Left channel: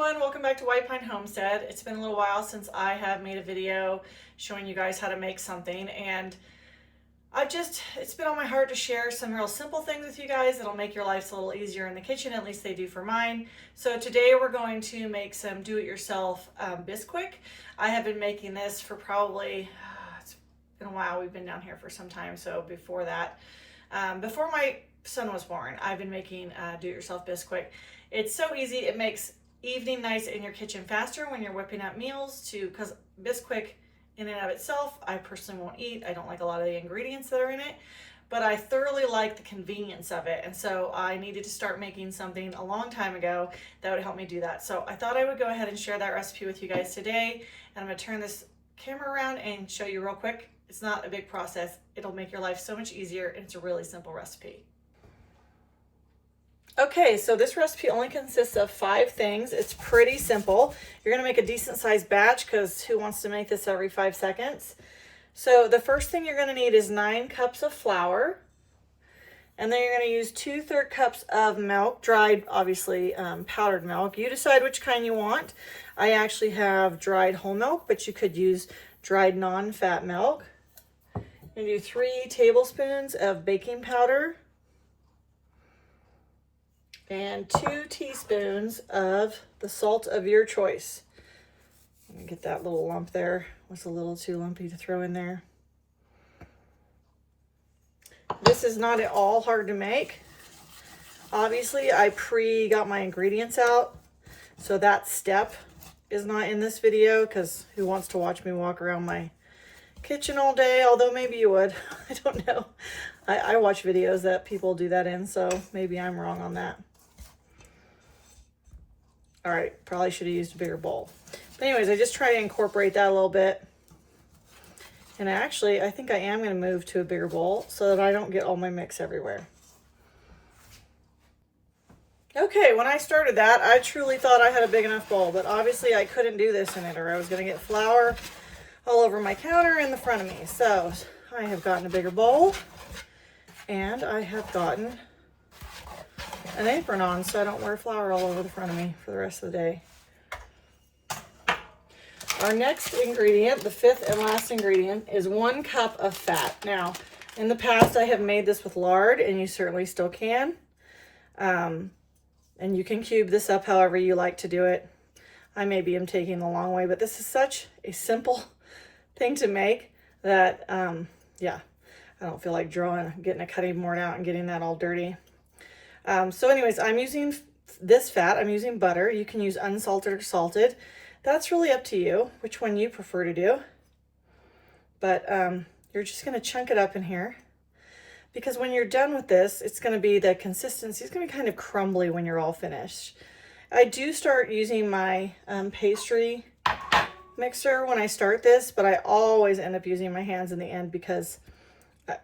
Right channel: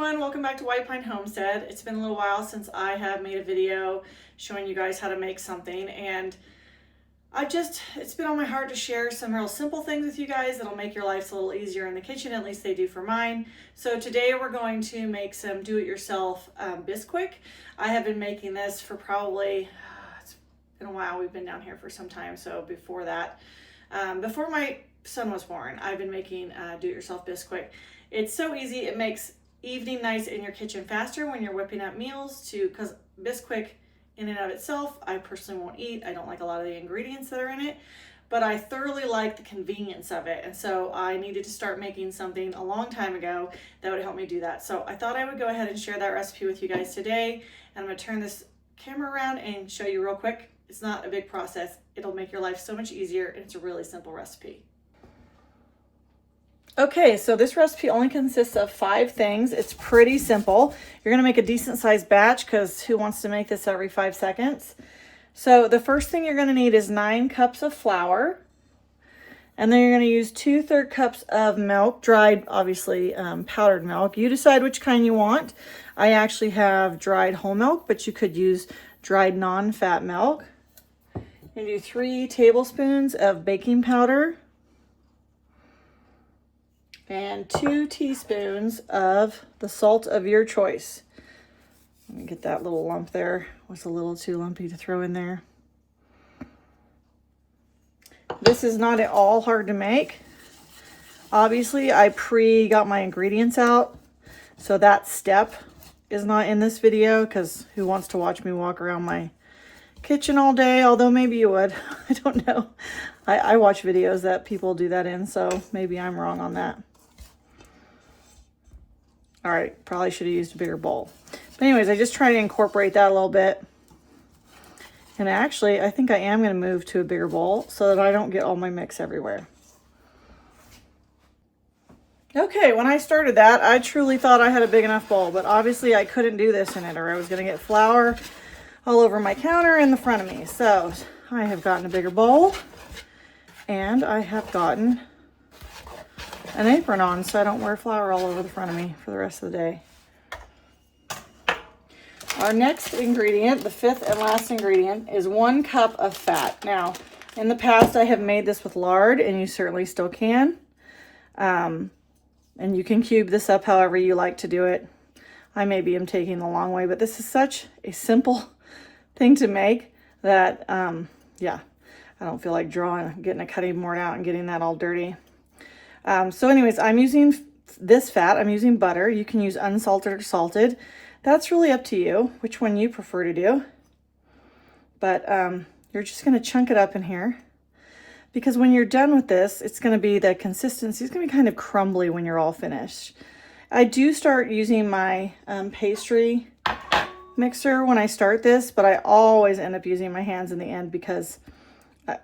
everyone, welcome back to White Pine Homestead. It's been a little while since I have made a video showing you guys how to make something, and it's been on my heart to share some real simple things with you guys that'll make your lives a little easier in the kitchen, at least they do for mine. So today we're going to make some do-it-yourself Bisquick. I have been making this for probably, it's been a while, we've been down here for some time, so before that, before my son was born, I've been making do-it-yourself Bisquick. It's so easy, it makes evening nights in your kitchen faster when you're whipping up meals because Bisquick in and of itself, I personally won't eat. I don't like a lot of the ingredients that are in it, but I thoroughly like the convenience of it. And so I needed to start making something a long time ago that would help me do that. So I thought I would go ahead and share that recipe with you guys today. And I'm gonna turn this camera around and show you real quick. It's not a big process. It'll make your life so much easier, and it's a really simple recipe. Okay, so this recipe only consists of 5 things. It's pretty simple. You're gonna make a decent sized batch because who wants to make this every 5 seconds? So the first thing you're gonna need is 9 cups of flour. And then you're gonna use 2/3 cups of milk, dried, obviously powdered milk. You decide which kind you want. I actually have dried whole milk, but you could use dried non-fat milk. You do 3 tablespoons of baking powder and 2 teaspoons of the salt of your choice. Let me get that little lump there. Was a little too lumpy to throw in there. This is not at all hard to make. Obviously, I got my ingredients out, so that step is not in this video because who wants to watch me walk around my kitchen all day? Although maybe you would. I don't know. I watch videos that people do that in, so maybe I'm wrong on that. All right, probably should have used a bigger bowl. But anyways, I just try to incorporate that a little bit. And actually, I think I am gonna move to a bigger bowl so that I don't get all my mix everywhere. Okay, when I started that, I truly thought I had a big enough bowl, but obviously I couldn't do this in it or I was gonna get flour all over my counter in the front of me. So I have gotten a bigger bowl and I have gotten an apron on so I don't wear flour all over the front of me for the rest of the day. Our next ingredient, the 5th and last ingredient, is 1 cup of fat. Now, in the past I have made this with lard, and you certainly still can. And you can cube this up however you like to do it. I maybe am taking the long way, but this is such a simple thing to make that, yeah, I don't feel like getting a cutting board out and getting that all dirty. So anyways, I'm using this fat. I'm using butter. You can use unsalted or salted. That's really up to you, which one you prefer to do. But you're just going to chunk it up in here because when you're done with this, it's going to be the consistency. It's going to be kind of crumbly when you're all finished. I do start using my pastry mixer when I start this, but I always end up using my hands in the end because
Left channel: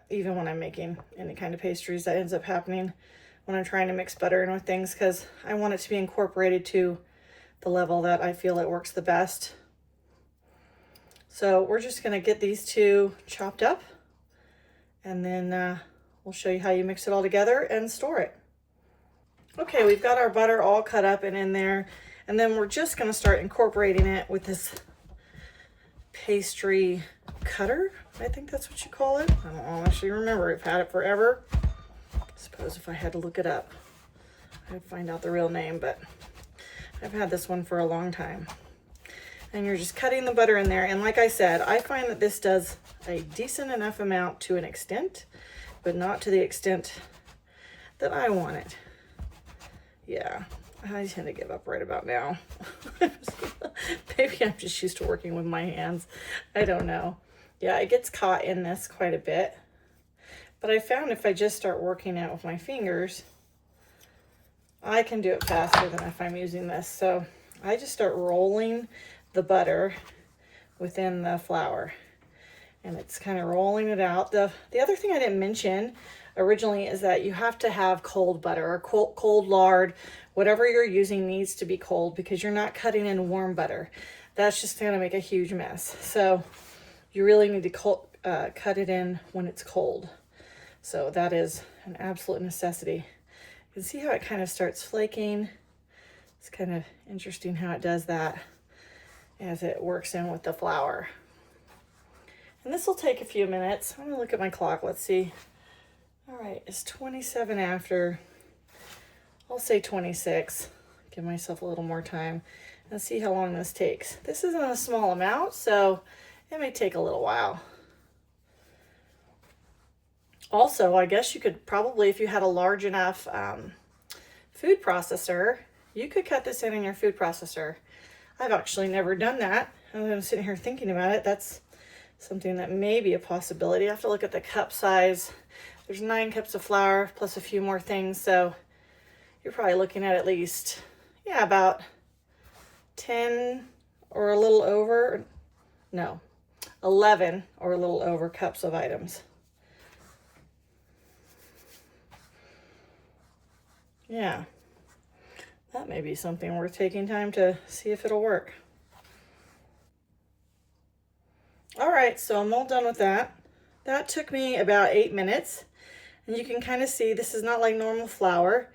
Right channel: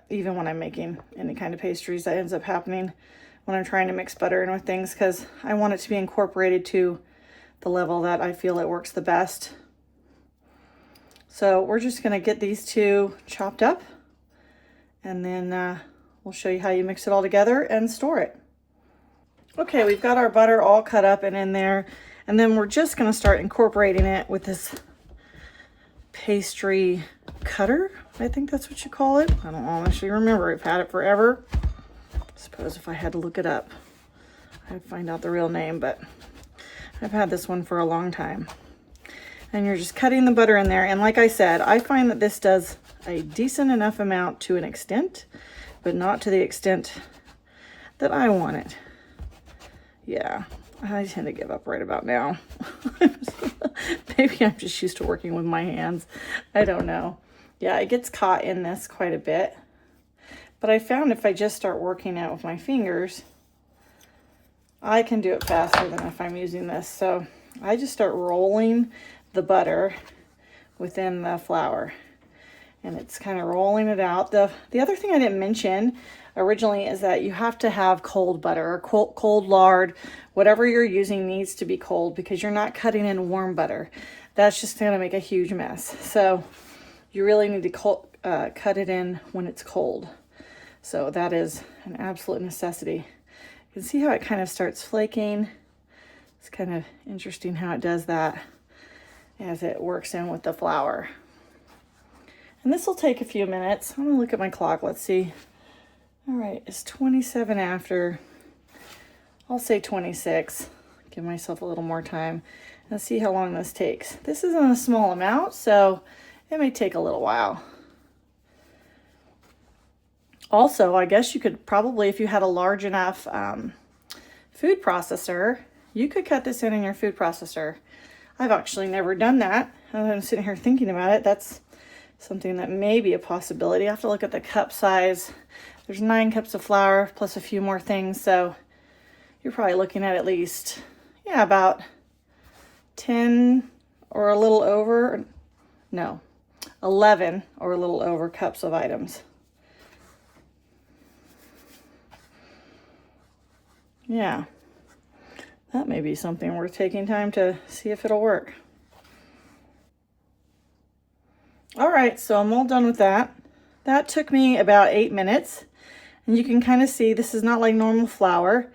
even when I'm making any kind of pastries, that ends up happening when I'm trying to mix butter in with things because I want it to be incorporated to the level that I feel it works the best. So we're just gonna get these 2 chopped up and then we'll show you how you mix it all together and store it. Okay, we've got our butter all cut up and in there, and then we're just gonna start incorporating it with this pastry cutter. I think that's what you call it. I don't honestly remember. I've had it forever. I suppose if I had to look it up, I'd find out the real name, but I've had this one for a long time. And you're just cutting the butter in there. And like I said, I find that this does a decent enough amount to an extent, but not to the extent that I want it. Yeah, I tend to give up right about now. Maybe I'm just used to working with my hands. I don't know. Yeah, it gets caught in this quite a bit. But I found if I just start working it with my fingers, I can do it faster than if I'm using this. So I just start rolling the butter within the flour. And it's kind of rolling it out. The other thing I didn't mention originally is that you have to have cold butter or cold lard. Whatever you're using needs to be cold because you're not cutting in warm butter. That's just going to make a huge mess. So you really need to cut it in when it's cold. So that is an absolute necessity. You can see how it kind of starts flaking. It's kind of interesting how it does that as it works in with the flour. And this will take a few minutes. I'm gonna look at my clock, let's see. All right, it's 27 after. I'll say 26, give myself a little more time. Let's see how long this takes. This is on a small amount, so it may take a little while. Also, I guess you could probably, if you had a large enough food processor, you could cut this in your food processor. I've actually never done that. I'm sitting here thinking about it. That's something that may be a possibility. I have to look at the cup size. There's 9 cups of flour plus a few more things, so you're probably looking at least, yeah, about 10 or a little over, no, 11 or a little over cups of items. Yeah, that may be something worth taking time to see if it'll work. All right, so I'm all done with that. That took me about 8 minutes. And you can kind of see this is not like normal flour.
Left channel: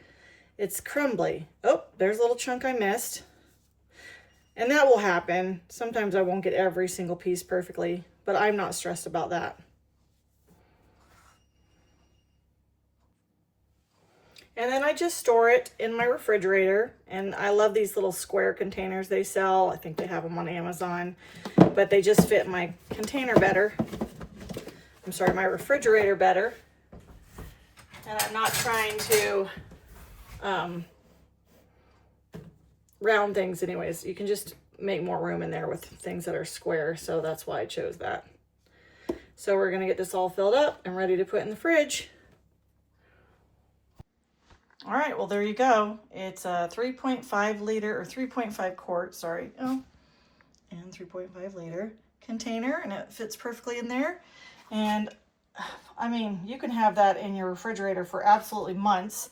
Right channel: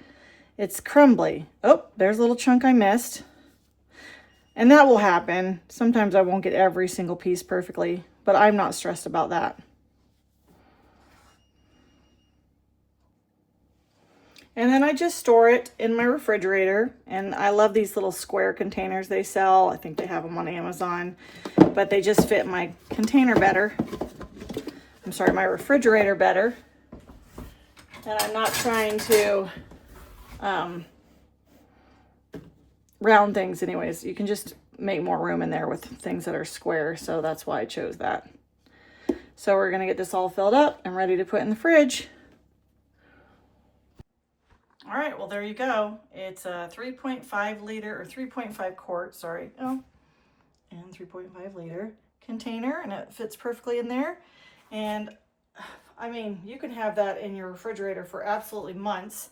It's crumbly. Oh, there's a little chunk I missed. And that will happen. Sometimes I won't get every single piece perfectly, but I'm not stressed about that. And then I just store it in my refrigerator. And I love these little square containers they sell. I think they have them on Amazon, but they just fit my container better. I'm sorry, my refrigerator better. And I'm not trying to round things anyways. You can just make more room in there with things that are square. So that's why I chose that. So we're gonna get this all filled up and ready to put in the fridge. All right, well, there you go. It's a 3.5 liter or 3.5 quart, sorry. Oh, and 3.5 liter container, and it fits perfectly in there. And I mean, you can have that in your refrigerator for absolutely months.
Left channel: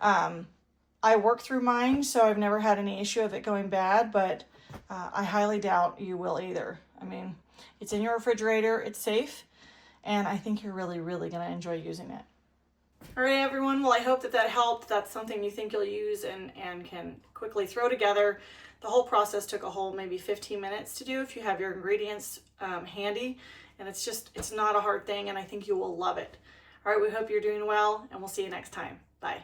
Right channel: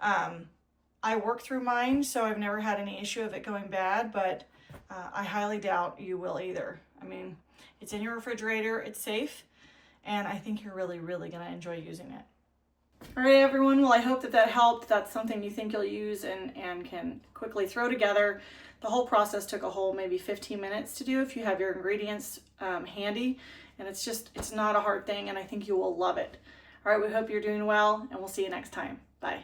I work through mine, so I've never had any issue of it going bad, but I highly doubt you will either. I mean, it's in your refrigerator, it's safe, and I think you're really, really gonna enjoy using it. All right, everyone, well, I hope that helped. That's something you think you'll use and can quickly throw together. The whole process took a whole maybe 15 minutes to do if you have your ingredients handy. And it's not a hard thing, and I think you will love it. All right, we hope you're doing well, and we'll see you next time. Bye.